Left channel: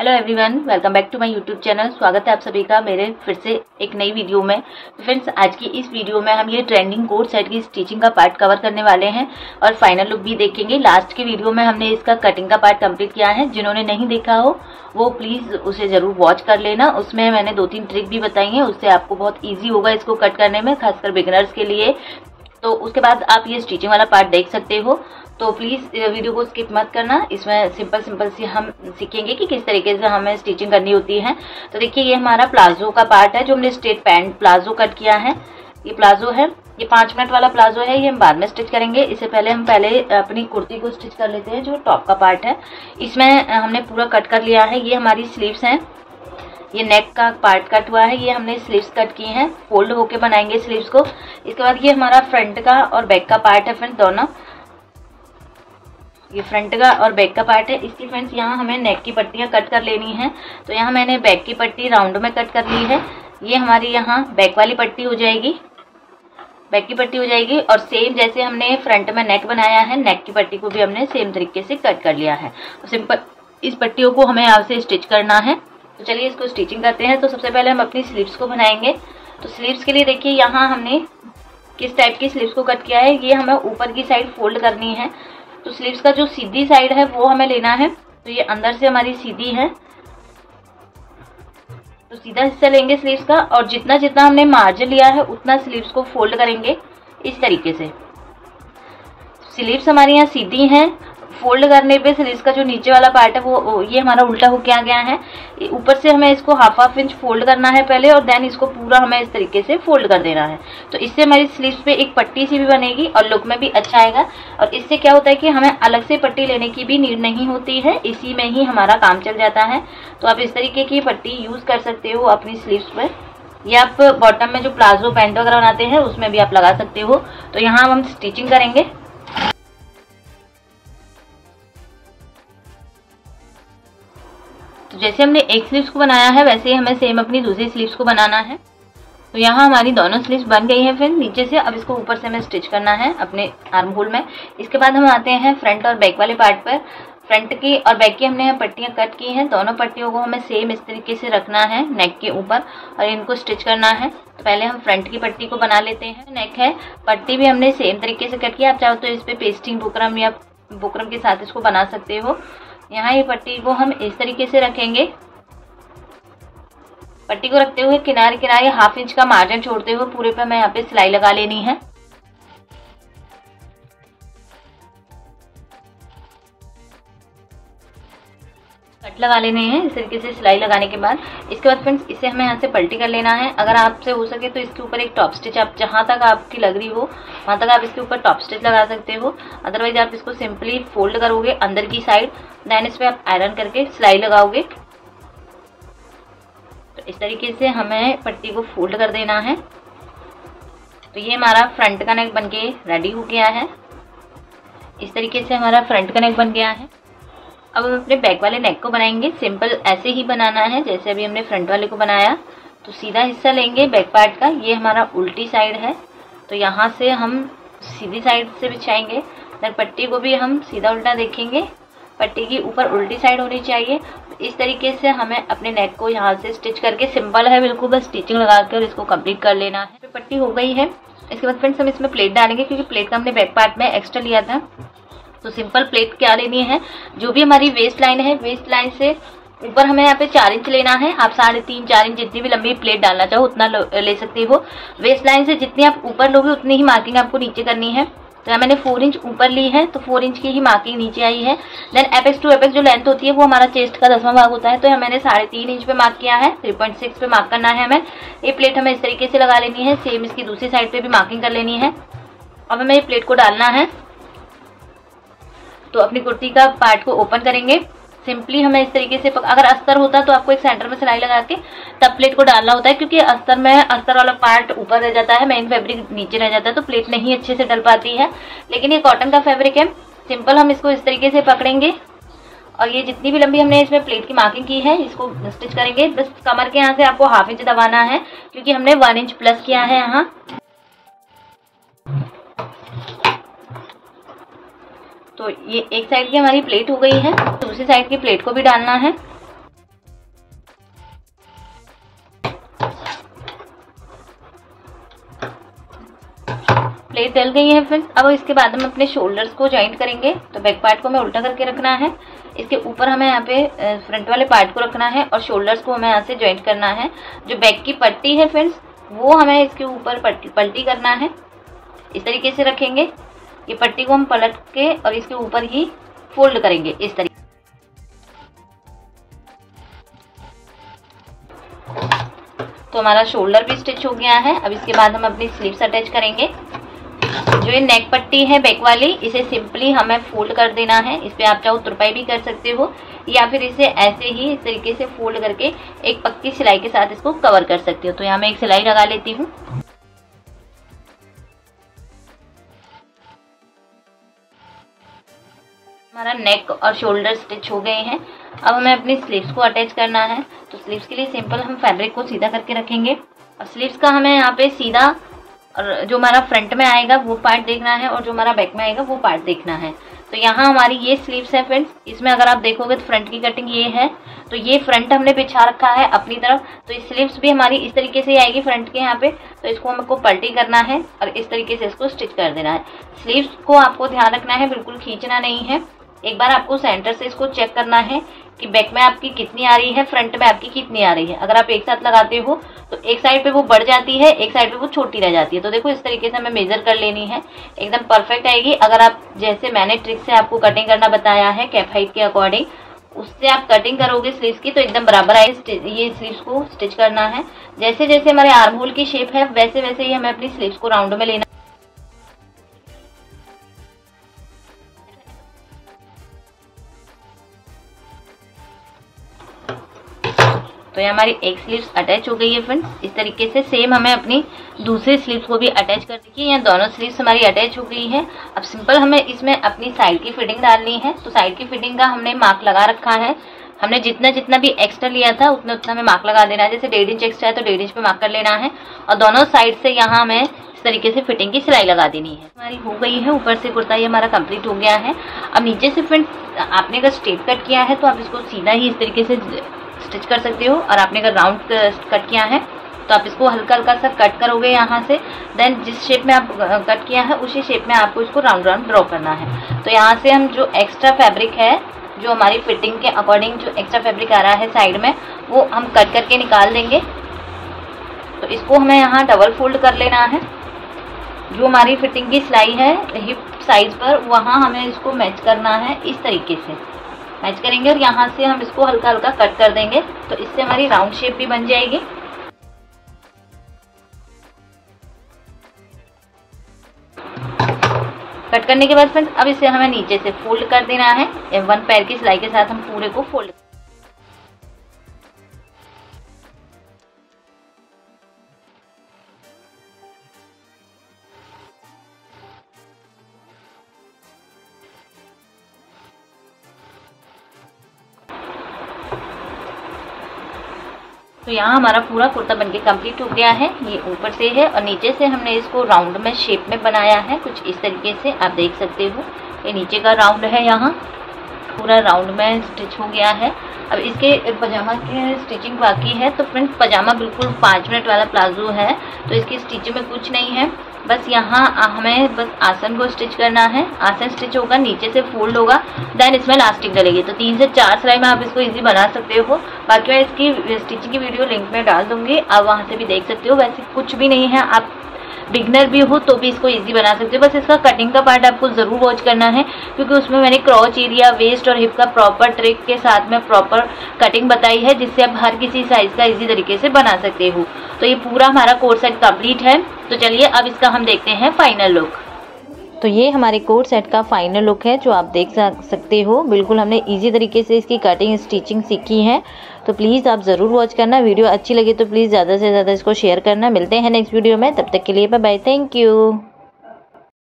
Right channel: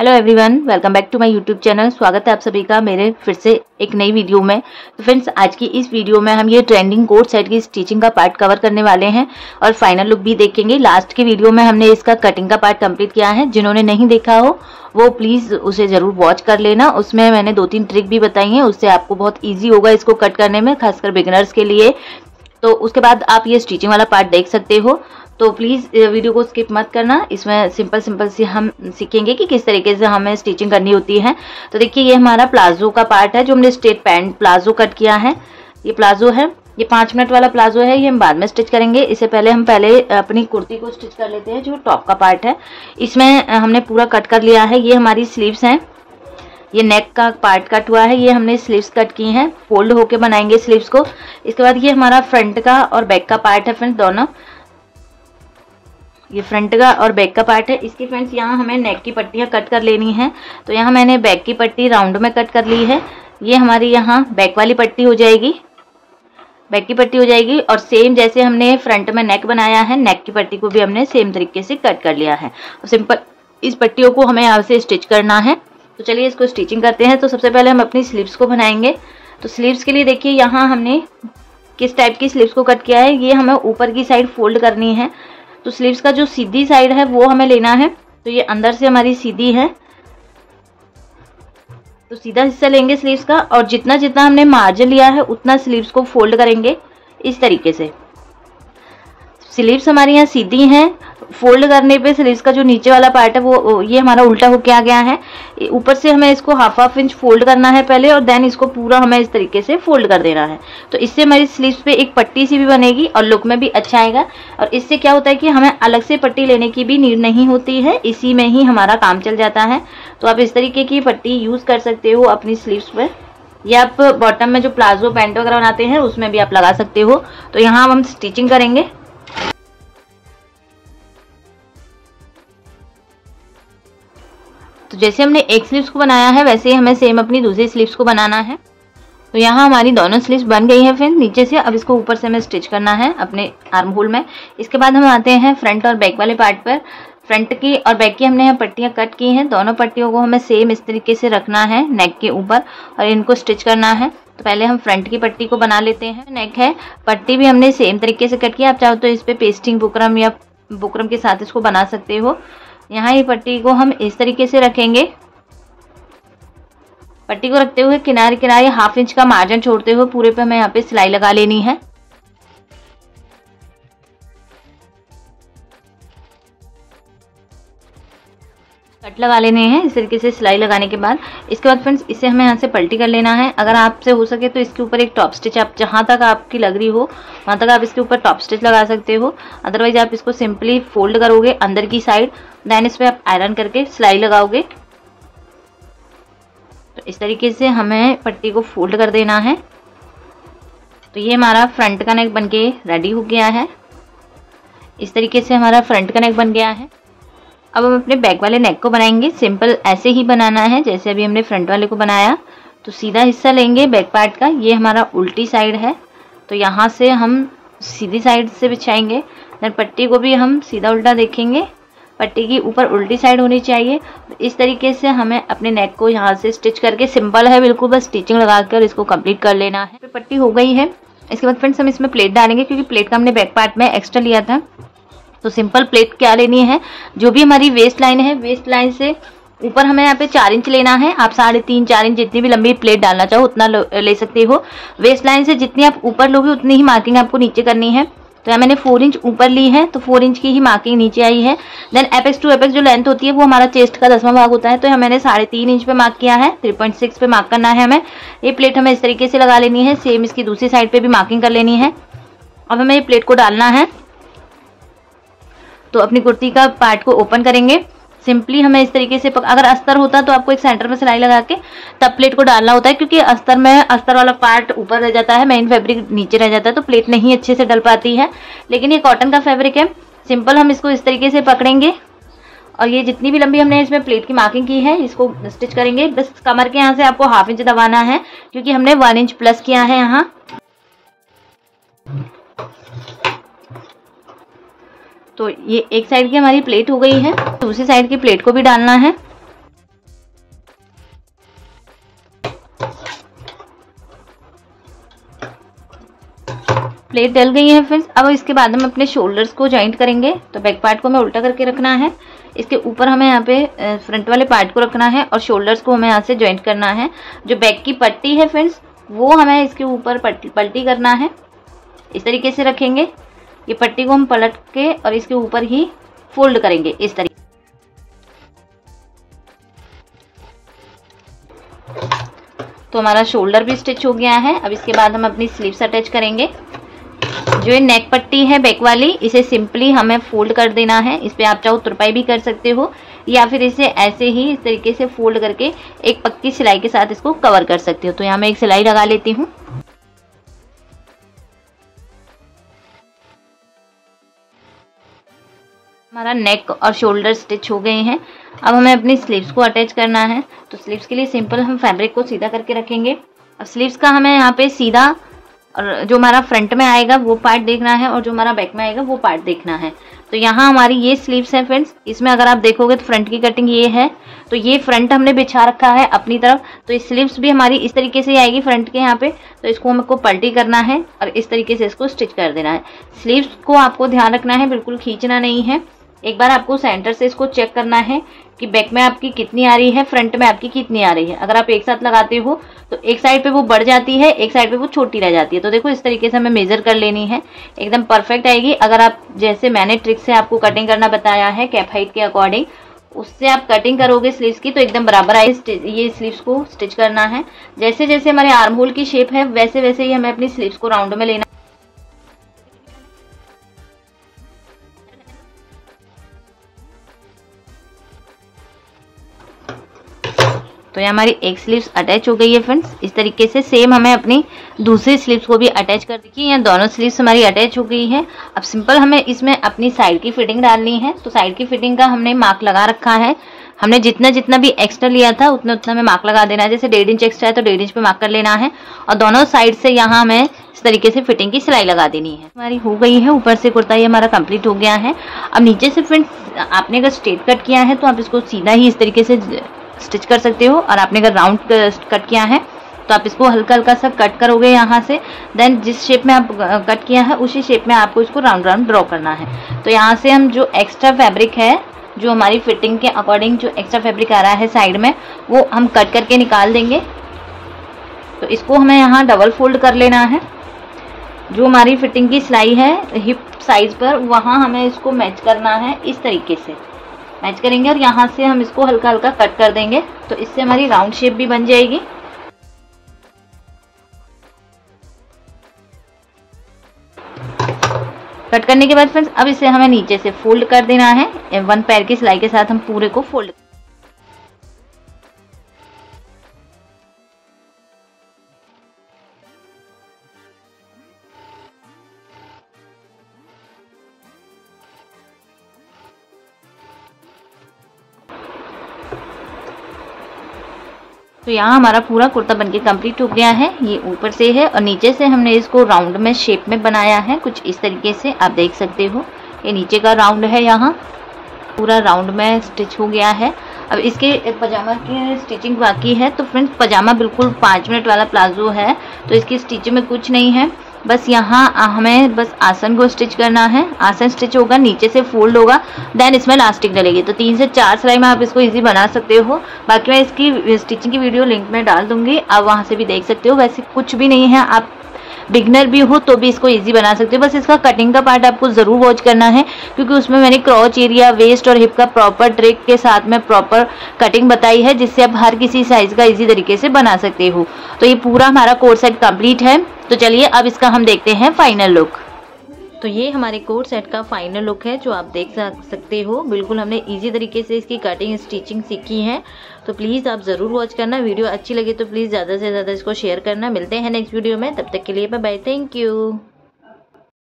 Hello everyone, welcome back to my YouTube channel. स्वागत है आप सभी का मेरे फिर से एक नई वीडियो में। तो फ्रेंड्स, आज की इस वीडियो में हम ये ट्रेंडिंग कोट सेट की स्टिचिंग का पार्ट कवर करने वाले हैं और फाइनल लुक भी देखेंगे। लास्ट की वीडियो में हमने इसका कटिंग का पार्ट कंप्लीट किया है। जिन्होंने नहीं देखा हो वो प्लीज उसे जरूर वॉच कर लेना। उसमें मैंने 2-3 ट्रिक भी बताई हैं, उससे आपको बहुत ईजी होगा इसको कट करने में, खासकर बिगिनर्स के लिए। तो उसके बाद आप ये स्टिचिंग वाला पार्ट देख सकते हो। तो प्लीज़ वीडियो को स्किप मत करना। इसमें सिंपल से हम सीखेंगे कि किस तरीके से हमें स्टिचिंग करनी होती है। तो देखिए, ये हमारा प्लाजो का पार्ट है जो हमने स्ट्रेट पैंट प्लाजो कट किया है। ये प्लाजो है, ये 5 मिनट वाला प्लाजो है। ये हम बाद में स्टिच करेंगे। इससे पहले हम अपनी कुर्ती को स्टिच कर लेते हैं, जो टॉप का पार्ट है। इसमें हमने पूरा कट कर लिया है। ये हमारी स्लीव्स हैं, ये नेक का पार्ट कट हुआ है। ये हमने स्लीव्स कट की हैं, फोल्ड होके बनाएंगे स्लीव्स को। इसके बाद ये हमारा फ्रंट का और बैक का पार्ट है फ्रेंड्स, दोनों। ये फ्रंट का और बैक का पार्ट है। इसकी फ्रेंड्स यहाँ हमें नेक की पट्टियाँ कट कर लेनी है। तो यहाँ मैंने बैक की पट्टी राउंड में कट कर ली है। ये हमारी यहाँ बैक वाली पट्टी हो जाएगी, बैक की पट्टी हो जाएगी। और सेम जैसे हमने फ्रंट में नेक बनाया है, नेक की पट्टी को भी हमने सेम तरीके से कट कर लिया है। तो सिंपल इस पट्टियों को हमें यहाँ से स्टिच करना है। तो चलिए इसको स्टिचिंग करते हैं। तो सबसे पहले हम अपनी स्लीव्स को बनाएंगे। तो स्लीव्स के लिए देखिए, यहाँ हमने किस टाइप की स्लीव्स को कट किया है। ये हमें ऊपर की साइड फोल्ड करनी है। तो स्लीव्स का जो सीधी साइड है वो हमें लेना है। तो ये अंदर से हमारी सीधी है, तो सीधा हिस्सा लेंगे स्लीव्स का। और जितना जितना हमने मार्जिन लिया है उतना स्लीव्स को फोल्ड करेंगे इस तरीके से। स्लीव्स हमारी यहाँ सीधी हैं, फोल्ड करने पे स्लीव्स का जो नीचे वाला पार्ट है वो ये हमारा उल्टा होके आ गया है। ऊपर से हमें इसको हाफ इंच फोल्ड करना है पहले, और देन इसको पूरा हमें इस तरीके से फोल्ड कर देना है। तो इससे हमारी स्लीव्स पे एक पट्टी सी भी बनेगी और लुक में भी अच्छा आएगा। और इससे क्या होता है कि हमें अलग से पट्टी लेने की भी नीड नहीं होती है, इसी में ही हमारा काम चल जाता है। तो आप इस तरीके की पट्टी यूज कर सकते हो अपनी स्लीव्स पर, या आप बॉटम में जो प्लाजो पैंट वगैरह बनाते हैं उसमें भी आप लगा सकते हो। तो यहाँ हम स्टिचिंग करेंगे। तो जैसे हमने एक स्लीव्स को बनाया है वैसे ही हमें सेम अपनी दूसरी स्लीव्स को बनाना है। तो यहाँ हमारी दोनों स्लीव्स बन गई हैं फिर नीचे से। अब इसको ऊपर से हमें स्टिच करना है अपने आर्म होल में। इसके बाद हम आते हैं फ्रंट और बैक वाले पार्ट पर। फ्रंट की और बैक की हमने यहाँ पट्टियाँ कट की हैं। दोनों पट्टियों को हमें सेम इस तरीके से रखना है नेक के ऊपर और इनको स्टिच करना है। तो पहले हम फ्रंट की पट्टी को बना लेते हैं। नेक है, पट्टी भी हमने सेम तरीके से कट किया। आप चाहो तो इस पर पेस्टिंग बुकरम या बुकरम के साथ इसको बना सकते हो। यहाँ ये पट्टी को हम इस तरीके से रखेंगे। पट्टी को रखते हुए किनारे किनारे हाफ इंच का मार्जिन छोड़ते हुए पूरे पे हमें यहाँ पे सिलाई लगा लेनी है। कट लगा लेने हैं इस तरीके से सिलाई लगाने के बाद। इसके बाद फ्रेंड्स इसे हमें यहाँ से पलटी कर लेना है। अगर आपसे हो सके तो इसके ऊपर एक टॉप स्टिच, आप जहाँ तक आपकी लग रही हो वहाँ तक आप इसके ऊपर टॉप स्टिच लगा सकते हो। अदरवाइज आप इसको सिंपली फोल्ड करोगे अंदर की साइड, देन इस पर आप आयरन करके सिलाई लगाओगे। तो इस तरीके से हमें पट्टी को फोल्ड कर देना है। तो ये हमारा फ्रंट का नेक बनके रेडी हो गया है। इस तरीके से हमारा फ्रंट का नेक बन गया है। अब हम अपने बैक वाले नेक को बनाएंगे। सिंपल ऐसे ही बनाना है जैसे अभी हमने फ्रंट वाले को बनाया। तो सीधा हिस्सा लेंगे बैक पार्ट का, ये हमारा उल्टी साइड है। तो यहाँ से हम सीधी साइड से बिछाएंगे। फिर पट्टी को भी हम सीधा उल्टा देखेंगे, पट्टी की ऊपर उल्टी साइड होनी चाहिए। इस तरीके से हमें अपने नेक को यहाँ से स्टिच करके, सिंपल है बिल्कुल, बस स्टिचिंग लगा कर इसको कंप्लीट कर लेना है। फिर पट्टी हो गई है। इसके बाद फ्रेंड्स हम इसमें प्लेट डालेंगे, क्योंकि प्लेट का हमने बैक पार्ट में एक्स्ट्रा लिया था। तो सिंपल प्लेट क्या लेनी है, जो भी हमारी वेस्ट लाइन है, वेस्ट लाइन से ऊपर हमें यहाँ पे 4 इंच लेना है। आप 3.5-4 इंच जितनी भी लंबी प्लेट डालना चाहो उतना ले सकते हो। वेस्ट लाइन से जितनी आप ऊपर लोगे उतनी ही मार्किंग आपको नीचे करनी है। तो मैंने 4 इंच ऊपर ली है, तो 4 इंच की ही मार्किंग नीचे आई है। देन एपेक्स टू एपेक्स जो लेंथ होती है वो हमारा चेस्ट का 10वां भाग होता है। तो मैंने 3.5 इंच पे मार्क किया है, 3.6 पे मार्क करना है हमें। ये प्लेट हमें इस तरीके से लगा लेनी है। सेम इसकी दूसरी साइड पे भी मार्किंग कर लेनी है। अब हमें ये प्लेट को डालना है। तो अपनी कुर्ती का पार्ट को ओपन करेंगे। सिंपली हमें इस तरीके से अगर अस्तर होता तो आपको एक सेंटर में सिलाई लगा के तब प्लेट को डालना होता है, क्योंकि अस्तर में अस्तर वाला पार्ट ऊपर रह जाता है, मेन फैब्रिक नीचे रह जाता है, तो प्लेट नहीं अच्छे से डल पाती है। लेकिन ये कॉटन का फैब्रिक है। सिंपल हम इसको इस तरीके से पकड़ेंगे और ये जितनी भी लंबी हमने इसमें प्लेट की मार्किंग की है इसको स्टिच करेंगे। बस कमर के यहाँ से आपको हाफ इंच दबाना है, क्योंकि हमने 1 इंच प्लस किया है यहाँ। तो ये एक साइड की हमारी प्लेट हो गई है, दूसरी साइड की प्लेट को भी डालना है। प्लेट डल गई है फ्रेंड्स। अब इसके बाद हम अपने शोल्डर्स को जॉइंट करेंगे। तो बैक पार्ट को हमें उल्टा करके रखना है, इसके ऊपर हमें यहाँ पे फ्रंट वाले पार्ट को रखना है और शोल्डर्स को हमें यहाँ से जॉइंट करना है। जो बैक की पट्टी है फ्रेंड्स वो हमें इसके ऊपर पलटी करना है, इस तरीके से रखेंगे। ये पट्टी को हम पलट के और इसके ऊपर ही फोल्ड करेंगे इस तरीके। तो हमारा शोल्डर भी स्टिच हो गया है। अब इसके बाद हम अपनी स्लीव्स अटैच करेंगे। जो ये नेक पट्टी है बैक वाली, इसे सिंपली हमें फोल्ड कर देना है। इस पे आप चाहो तुरपाई भी कर सकते हो या फिर इसे ऐसे ही इस तरीके से फोल्ड करके एक पक्की सिलाई के साथ इसको कवर कर सकते हो। तो यहाँ मैं एक सिलाई लगा लेती हूँ। हमारा नेक और शोल्डर स्टिच हो गए हैं। अब हमें अपनी स्लीव्स को अटैच करना है। तो स्लीव्स के लिए सिंपल हम फैब्रिक को सीधा करके रखेंगे। अब स्लीव्स का हमें यहाँ पे सीधा और जो हमारा फ्रंट में आएगा वो पार्ट देखना है और जो हमारा बैक में आएगा वो पार्ट देखना है। तो यहाँ हमारी ये स्लीव्स है फ्रेंड्स। इसमें अगर आप देखोगे तो फ्रंट की कटिंग ये है, तो ये फ्रंट हमने बिछा रखा है अपनी तरफ। तो इस स्लीव्स भी हमारी इस तरीके से आएगी फ्रंट के यहाँ पे। तो इसको हमको पलटी करना है और इस तरीके से इसको स्टिच कर देना है। स्लीव्स को आपको ध्यान रखना है, बिल्कुल खींचना नहीं है। एक बार आपको सेंटर से इसको चेक करना है कि बैक में आपकी कितनी आ रही है, फ्रंट में आपकी कितनी आ रही है। अगर आप एक साथ लगाते हो तो एक साइड पे वो बढ़ जाती है, एक साइड पे वो छोटी रह जाती है। तो देखो इस तरीके से हमें मेजर कर लेनी है, एकदम परफेक्ट आएगी। अगर आप जैसे मैंने ट्रिक से आपको कटिंग करना बताया है कैप हाइट के अकॉर्डिंग, उससे आप कटिंग करोगे स्लीव्स की तो एकदम बराबर आएगी। ये स्लीव्स को स्टिच करना है। जैसे जैसे हमारे आर्म होल की शेप है वैसे वैसे ही हमें अपनी स्लीव्स को राउंड में लेना। तो ये हमारी एक स्लीव्स अटैच हो गई है फ्रेंड्स। इस तरीके से सेम हमें अपनी दूसरी स्लीव्स को भी अटैच कर देखिए। ये दोनों स्लीव्स हमारी अटैच हो गई है। अब सिंपल हमें इसमें अपनी साइड की फिटिंग डालनी है। तो साइड की फिटिंग का हमने मार्क लगा रखा है। हमने जितना जितना भी एक्स्ट्रा लिया था उतना उतना हमें मार्क लगा देना है। जैसे 1.5 इंच एक्स्ट्रा है तो 1.5 इंच पे मार्क कर लेना है और दोनों साइड से यहाँ हमें इस तरीके से फिटिंग की सिलाई लगा देनी है। हमारी हो गई है, ऊपर से कुर्ता ये हमारा कंप्लीट हो गया है। अब नीचे से फ्रेंड्स आपने अगर स्ट्रेट कट किया है तो आप इसको सीधा ही इस तरीके से स्टिच कर सकते हो, और आपने अगर राउंड कट किया है तो आप इसको हल्का हल्का सा कट करोगे यहाँ से। देन जिस शेप में आप कट किया है उसी शेप में आपको इसको राउंड राउंड ड्रॉ करना है। तो यहाँ से हम जो एक्स्ट्रा फैब्रिक है, जो हमारी फिटिंग के अकॉर्डिंग जो एक्स्ट्रा फैब्रिक आ रहा है साइड में, वो हम कट करके निकाल देंगे। तो इसको हमें यहाँ डबल फोल्ड कर लेना है। जो हमारी फिटिंग की सिलाई है हिप साइज पर, वहाँ हमें इसको मैच करना है। इस तरीके से मैच करेंगे और यहाँ से हम इसको हल्का हल्का कट कर देंगे। तो इससे हमारी राउंड शेप भी बन जाएगी। कट करने के बाद फ्रेंड्स अब इसे हमें नीचे से फोल्ड कर देना है। 1 पैर की सिलाई के साथ हम पूरे को फोल्ड। तो यहाँ हमारा पूरा कुर्ता बनके कंप्लीट हो गया है। ये ऊपर से है और नीचे से हमने इसको राउंड में शेप में बनाया है, कुछ इस तरीके से आप देख सकते हो। ये नीचे का राउंड है, यहाँ पूरा राउंड में स्टिच हो गया है। अब इसके पजामा की स्टिचिंग बाकी है। तो फ्रेंड्स पजामा बिल्कुल 5 मिनट वाला प्लाजो है, तो इसकी स्टिचिंग में कुछ नहीं है। बस यहाँ हमें बस आसन को स्टिच करना है। आसन स्टिच होगा, नीचे से फोल्ड होगा, देन इसमें इलास्टिक डलेगी। तो 3 से 4 सिलाई में आप इसको इजी बना सकते हो। बाकी मैं इसकी स्टिचिंग की वीडियो लिंक में डाल दूंगी, आप वहाँ से भी देख सकते हो। वैसे कुछ भी नहीं है, आप बिगनर भी हो तो भी इसको इजी बना सकते हो। बस इसका कटिंग का पार्ट आपको जरूर वॉच करना है, क्योंकि उसमें मैंने क्रॉच एरिया, वेस्ट और हिप का प्रॉपर ट्रिक के साथ में प्रॉपर कटिंग बताई है, जिससे आप हर किसी साइज का इजी तरीके से बना सकते हो। तो ये पूरा हमारा कोट सेट कंप्लीट है। तो चलिए अब इसका हम देखते हैं फाइनल लुक। तो ये हमारे कोट सेट का फाइनल लुक है, जो आप देख सकते हो। बिल्कुल हमने इजी तरीके से इसकी कटिंग स्टिचिंग सीखी है। तो प्लीज़ आप ज़रूर वॉच करना। वीडियो अच्छी लगी तो प्लीज़ ज़्यादा से ज़्यादा इसको शेयर करना। मिलते हैं नेक्स्ट वीडियो में, तब तक के लिए बाय बाय, थैंक यू।